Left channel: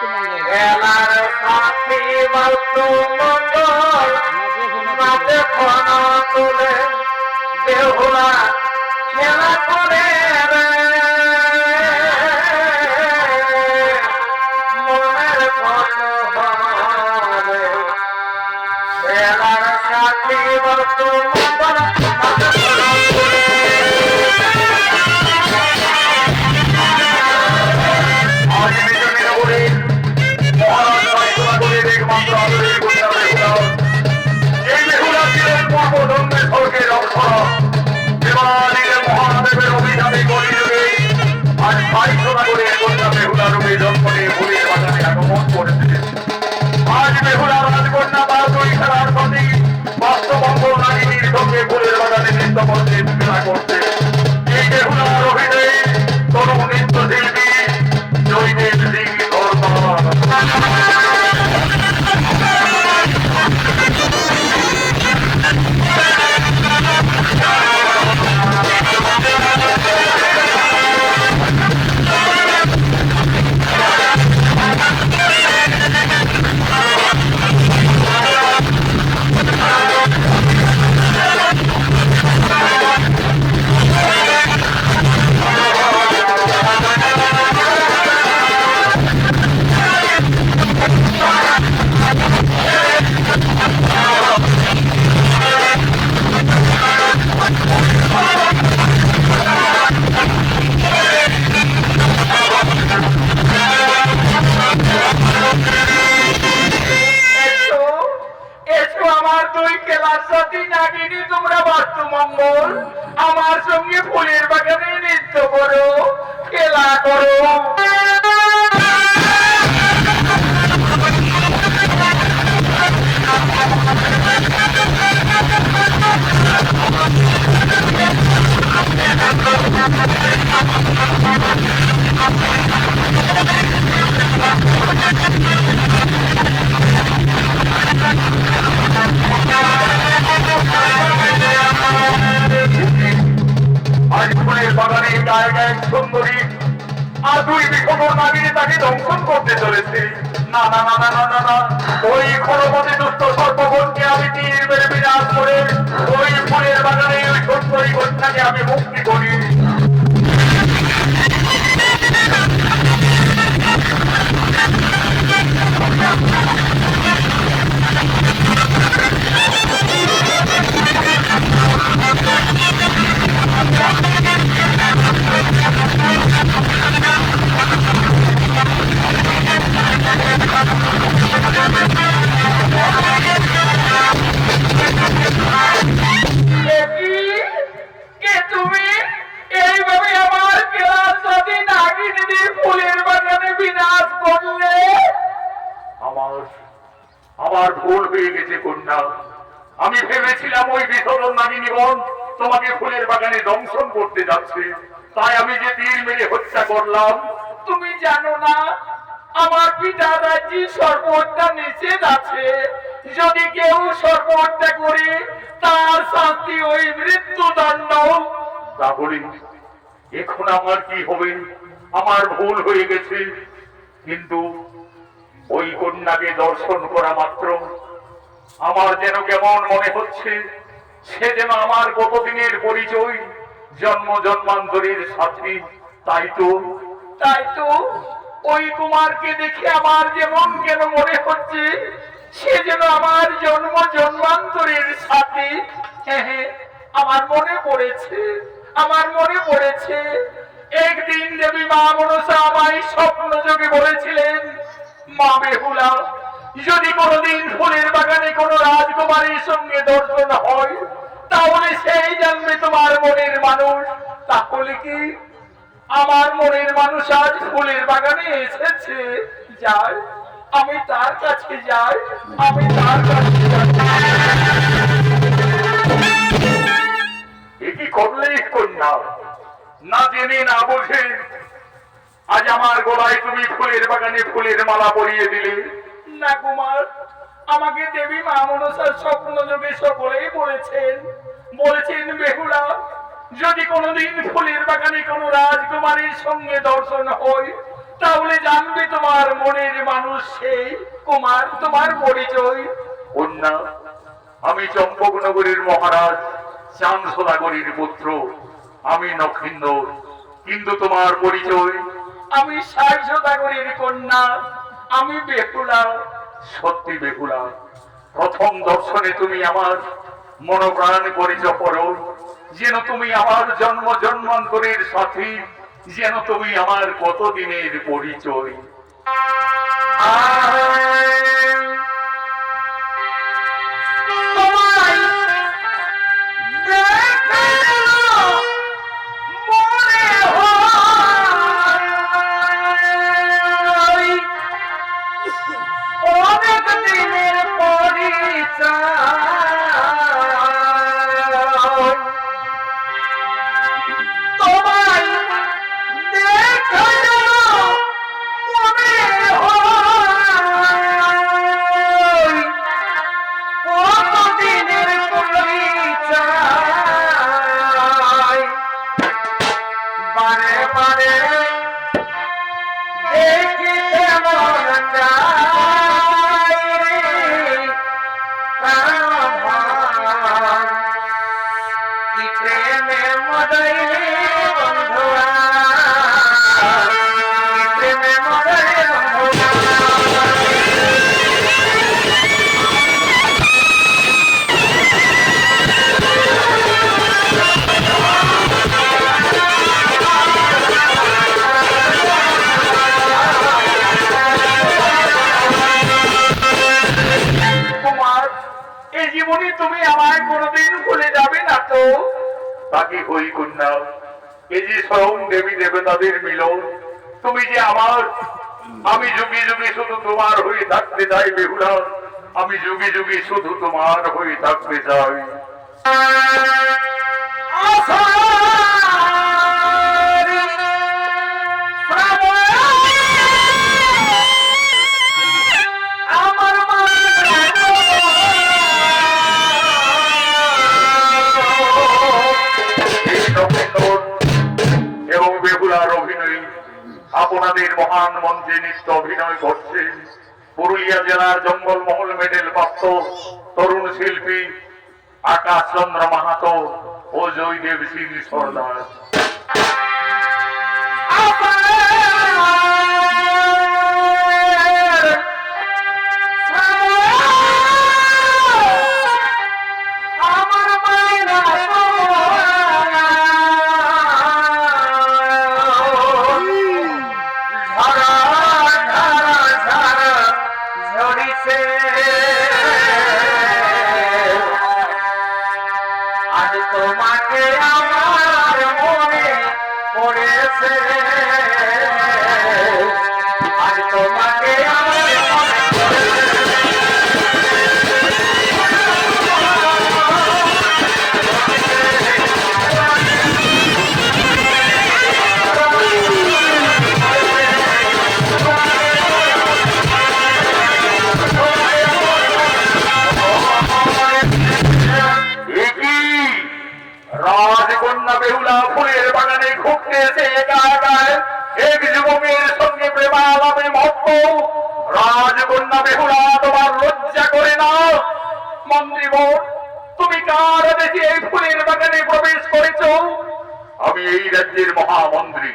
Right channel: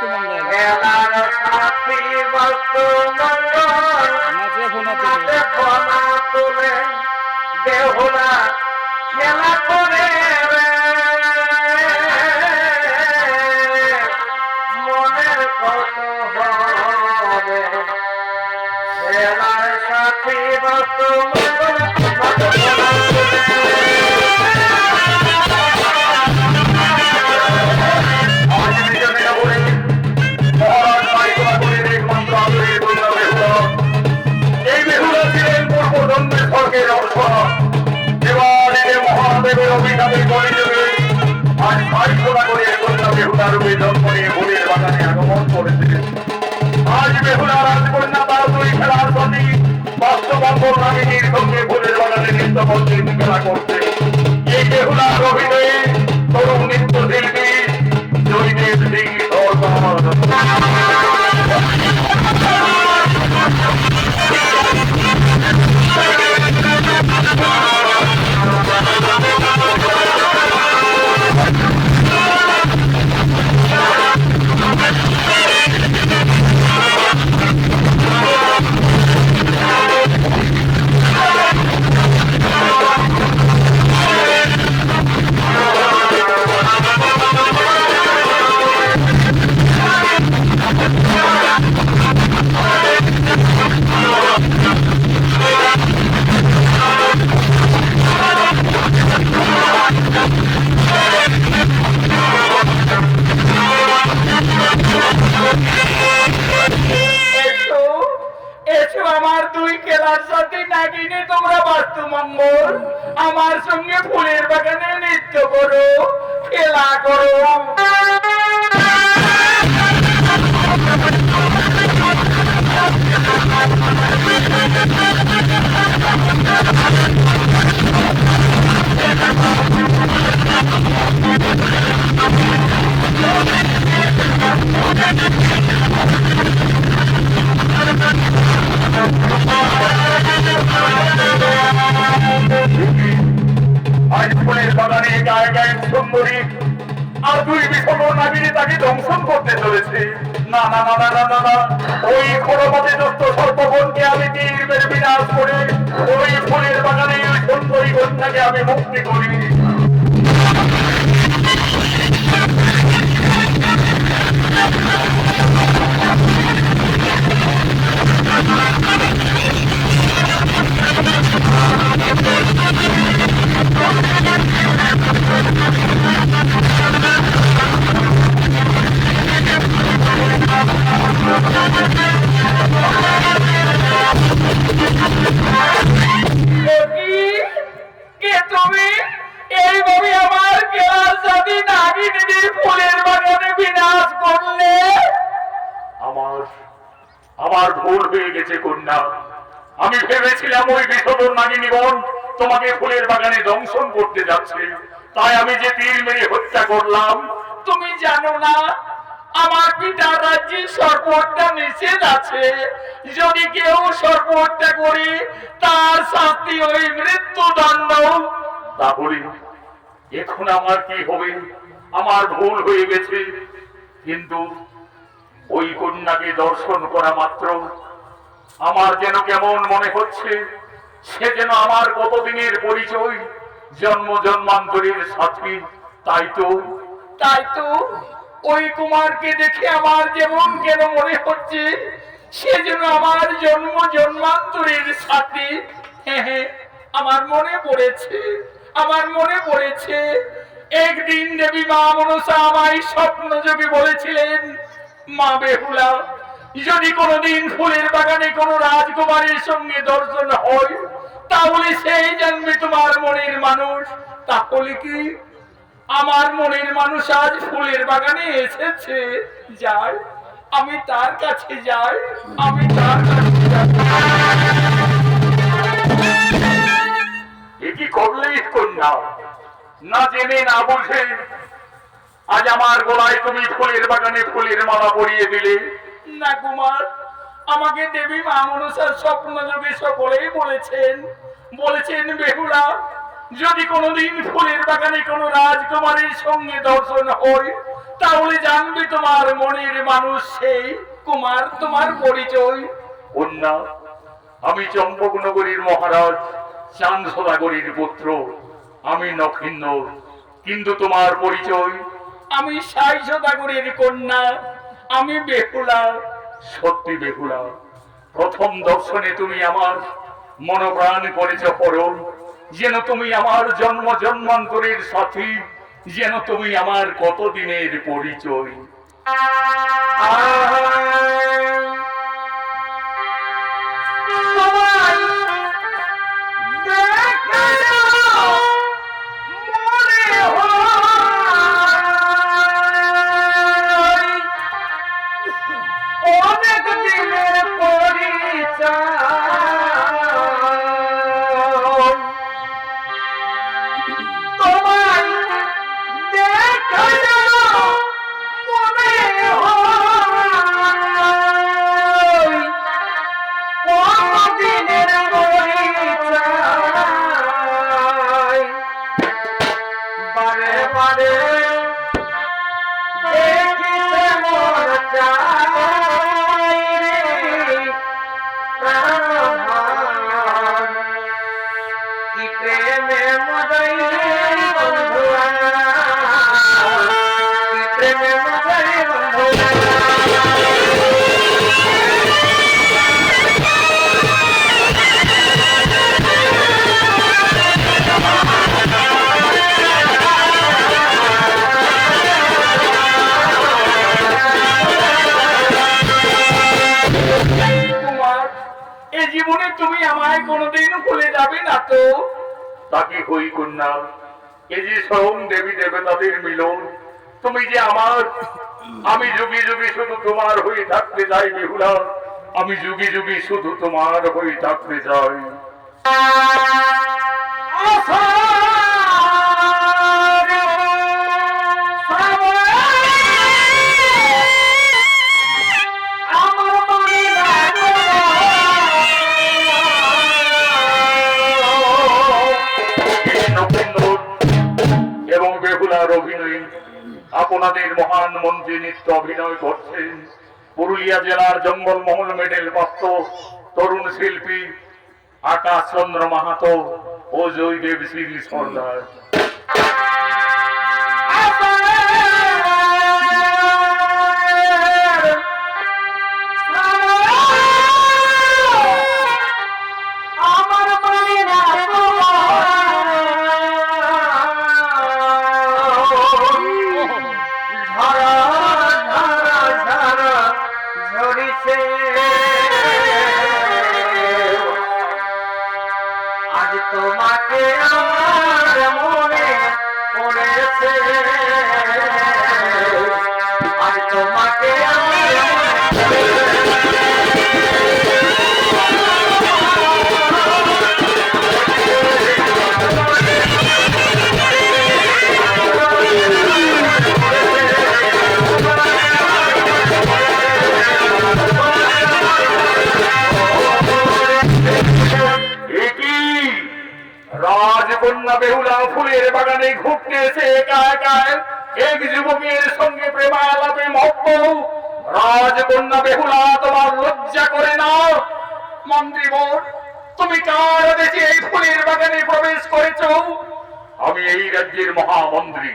খেলার সাথী বস্তু মঙ্গল নাচে ফোনা তুলে বেহুলা খেলা করে রে মনের ফটো হবে খেলার সাথী বস্তু মঙ্গল নাচে ফোনা তুলে আমার সঙ্গে ফুলের বাগানে নৃত্য করো খেলা করো বাগানে গায়ে গায়ে সুন্দরী আর দুই বিখবর নাগিনী তাকে দংশন করতে চলেছে। না না না না না না না ওই খরপতি দুষ্ট সর্বগণকে আমি তীর মেরে বিনাশ করে ওই ফুলের বাগানে ওই সুন্দরী কন্যাকে আমি মুক্তি করি। আমার ভুল হয়ে গেছে কন্যা, আমি ভেবেছিলাম ওই বিষধর নাগিনীগণ তোমাকে ফুলের বাগানে দংশন করতে যাচ্ছে, তাই আমি যে তীর মেরে হত্যা করলাম। তুমি জানো না আমার পিতা রাজ্যে সর্বহত্যা নিষেধ আছে, যদি কেউ সর্বহত্যা করে তার শাস্তি ওই মৃত্যুদণ্ড। তাহলে এখন আমার কি হবে? আমার ভুল হয়ে গেছে, কিন্তু ওই কন্যাকে দর্শন করা মাত্র আমার যেন কেমন মনে হচ্ছে সে যেন আমার কতদিনের পরিচয়, জন্ম জন্মান্তরের সাথী। তাই তো ওই কুমারকে দেখে আমার যেমন কেন মনে হচ্ছে সে যেন আমার জন্ম জন্মান্তরের সাথী। হ্যাঁ, আমার মনে পড়েছে একদিন দেবী মা মনসা আমায় স্বপ্ন যোগে বলেছিলেন, মা বেহুলা, যদি কোনদিন ফুলের বাগানে কোন রাজকুমারীর সঙ্গে দর্শন হয় তাহলে সেই জানবে তোমার মনের মানুষ। তাহলে কি আমার মনের মানুষ আজ ফুলের বাগানে এসেছে? যাই, আমি তার কাছে যাই। কি করলে কন্যা? না জেনে না বুঝে আজ আমার গলায় তুমি ফুলের বাগানে ফুলের মালা পরিয়ে দিলে। না কুমার, আমাকে দেবী মা মনসার স্বপ্ন যোগে সকলেই বলেছেন বেহুলা, যদি কোনদিন ফুলের বাগানে কোন রাজকুমারীর সঙ্গে দর্শন হয় তাহলে জানবে তোমার মনের মানুষ সেই কুমার তোমার পরিচয়। কন্যা, আমি চম্পকনগরীর মহারাজ চাঁদ সদাগরীর পুত্র, আমি নক্ষিন্দর। কিন্তু তোমার পরিচয়? আমি ৬০ সদাগরের কন্যা, আমি বেহুলা। সত্যি বেহুলা? প্রথম দর্শনে তুমি আমার মনোপ্রাণ করেছ পরম, যেন তুমি আমার জন্ম জন্মান্তরের সাথী, যেন তুমি আমার কতদিনের পরিচয়। তোমায় দেখে মনে হয় অনেক দিনের পরিচয়। তোমায় দেখে মনে হয় কতদিনের পরিচয়। বারে বারে দেখিতে মন চায় রে প্রাণভার, কি প্রেমে মদাইলে বন্ধুরা, কি প্রেমে মদাইলে বন্ধুরা। কুমার, এ জীবনে তুমি আমায় কোনোদিন ভুলে যাবে না তো? তাকে হই কন্যা, এ যে স্বয়ং দেবী দেবতাদের মিলন, তুমি যে আমার। আমি যুগে যুগে শুধু তোমার হয়ে থাকতে চাই বেহুলা, আমি যুগে যুগে শুধু তোমার হয়ে থাকতে চাই। আমার মানে নক্ষত্র এবং বেহুলার অভিনয় আপনাদের মহান মঞ্চে নৃত্য অভিনয় করছেন পুরুলিয়া জেলার জঙ্গলমহল মেডেল প্রাপ্ত তরুণ শিল্পী আকাশ চন্দ্র মাহাতো ও জয়দেব সিং সর্দার। আমার মানে না ঝরা ঝরা ঝরা ঝরিছে, আজ তোমাকে আমার মনে পড়েছে, আজ তোমাকে আমার মনে রাজকন্যা বেহুলা ফুলের বাগানে ঘুরতে এসে একা একা এক যুবকের সঙ্গে প্রেমালাপে মত্ত। রাজকন্যা বেহুলা, তোমার লজ্জা করে না? মন্ত্রীবর, তুমি কার বেশি এই ফুলের বাগানে প্রবেশ করেছো? আমি এই রাজ্যের মহামন্ত্রী